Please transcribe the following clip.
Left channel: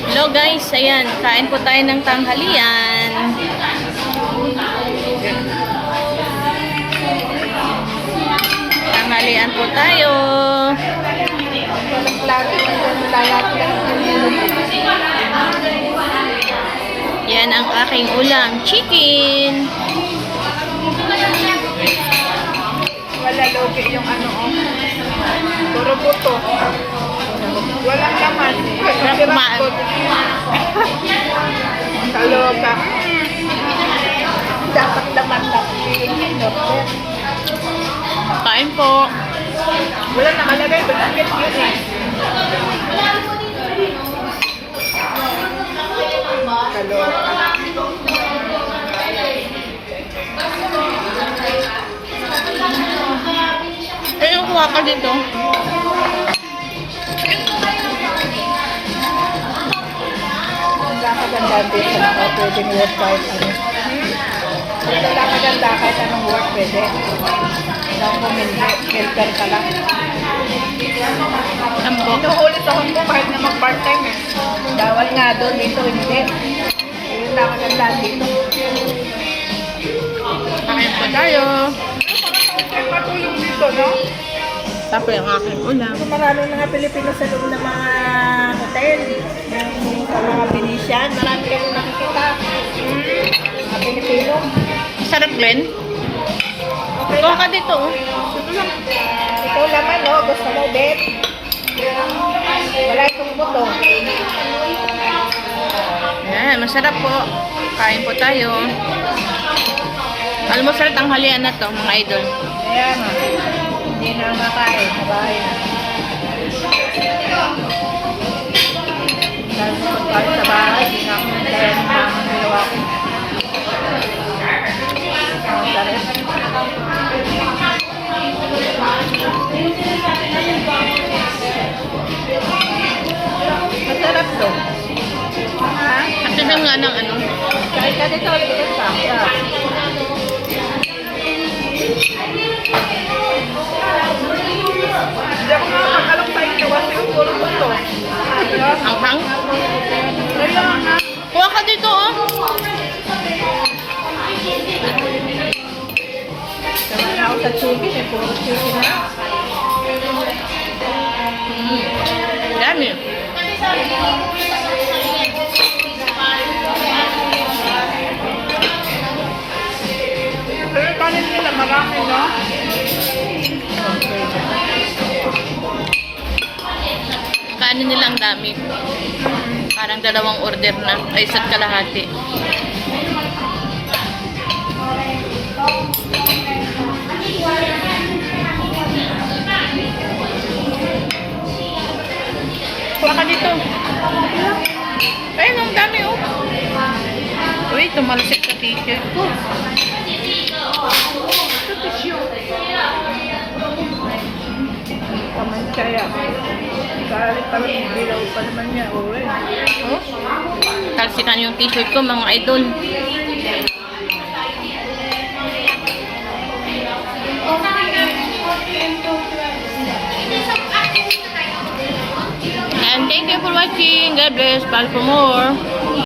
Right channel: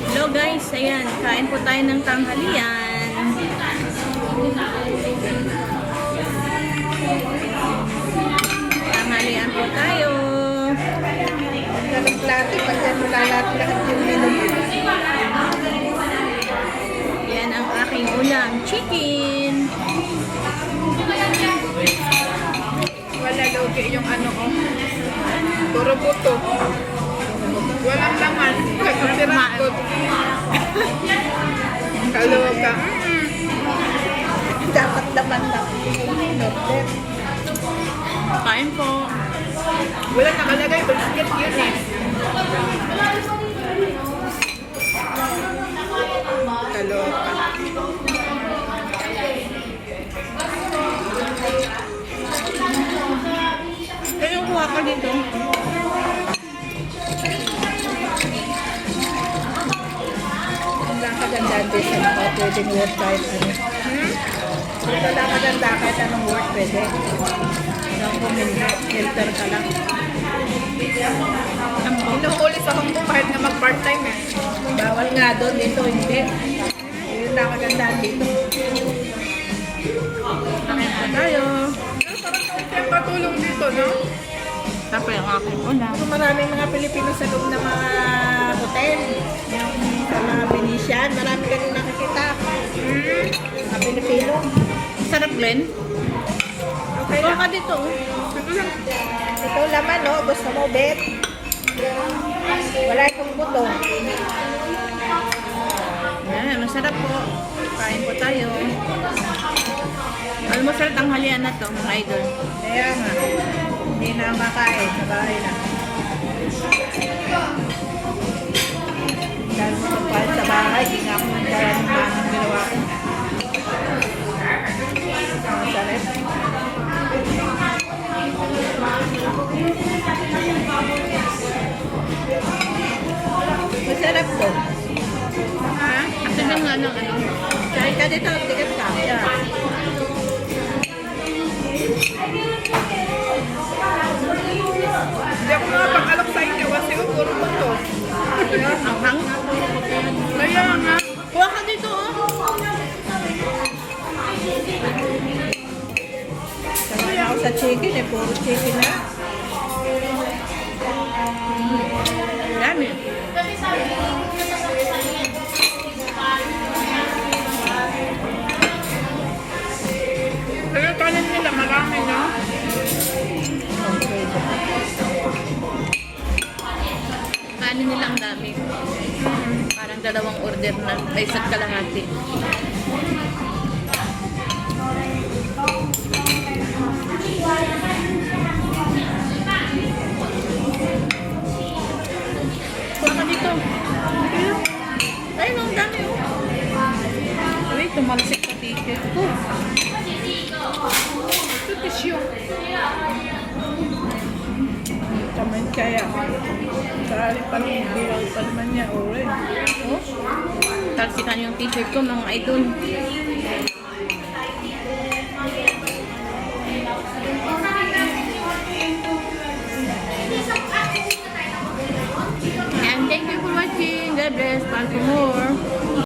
Hello guys, ayan, kain po tayo ng tanghalian. Tanghalian po tayo. Walang plato, kasi nalalat-lahat yung menu. Yan ang aking ulam, chicken. Wala logi yung ano, oh. Puro buto. Walang laman. Kumain. Kaloka. Dapat laman lang. Kain po. Wala nakalagay, basket yun eh. Kaloka. Eh, yung kuha ka dito. Wala maganda din sa naka pwedeng work kahit ano. Wala maganda kahit anong work pwede. Lang kung helper ka lang. Tambo. Inuhuli sa Hong Kong kahit na mag-part-time eh. Bawal nga doon, dito hindi. Yun lang maganda dito. Kain po tayo. Parang patulong dito, no? Tapos yung aking ulam. Kasi maraming mga Pilipino sa loob ng mga hotel. Yung sa mga Venetian, marami ka rin nakikita. Mga Pilipino. Sarap, Glenn. Okay Kuha lang. ka dito. Oh. Ito laman, no? Gusto mo, Bet? Wala itong buto. Yan, masarap po. Kain po tayo. Almusal tanghalian na to, mga idol. Kaya nga. Hindi na makain sa bahay na. Dahil sa pagkain sa bahay, hindi na ako nagkaroon ng mamang ginawa ko. Ang sarap. Masarap to. Ha? At ito nga ng ano. Kahit ka dito, tigas ka. Yeah. Hindi ako makapag-alok sa inyo kasi ang puro ko to. Ang hang. Kaya nga. Kuha ka dito, oh. Sanay ako sa chicken eh, puro chicken na. Dami. Pero yung kanin nila marami, no? Kanin nilang dami. Parang dalawang order na. Ay, isa't kalahati. Kuha ka dito. Ayun, ang dami, oh. Uy, tumalsik sa t-shirt ko. Ito tissue. Kaman kaya. Kahit naman bilaw pa naman niya. Uwe. Oh. Talsikan yung t-shirt ko, mga idol. And thank you for watching. God bless. Bye for more.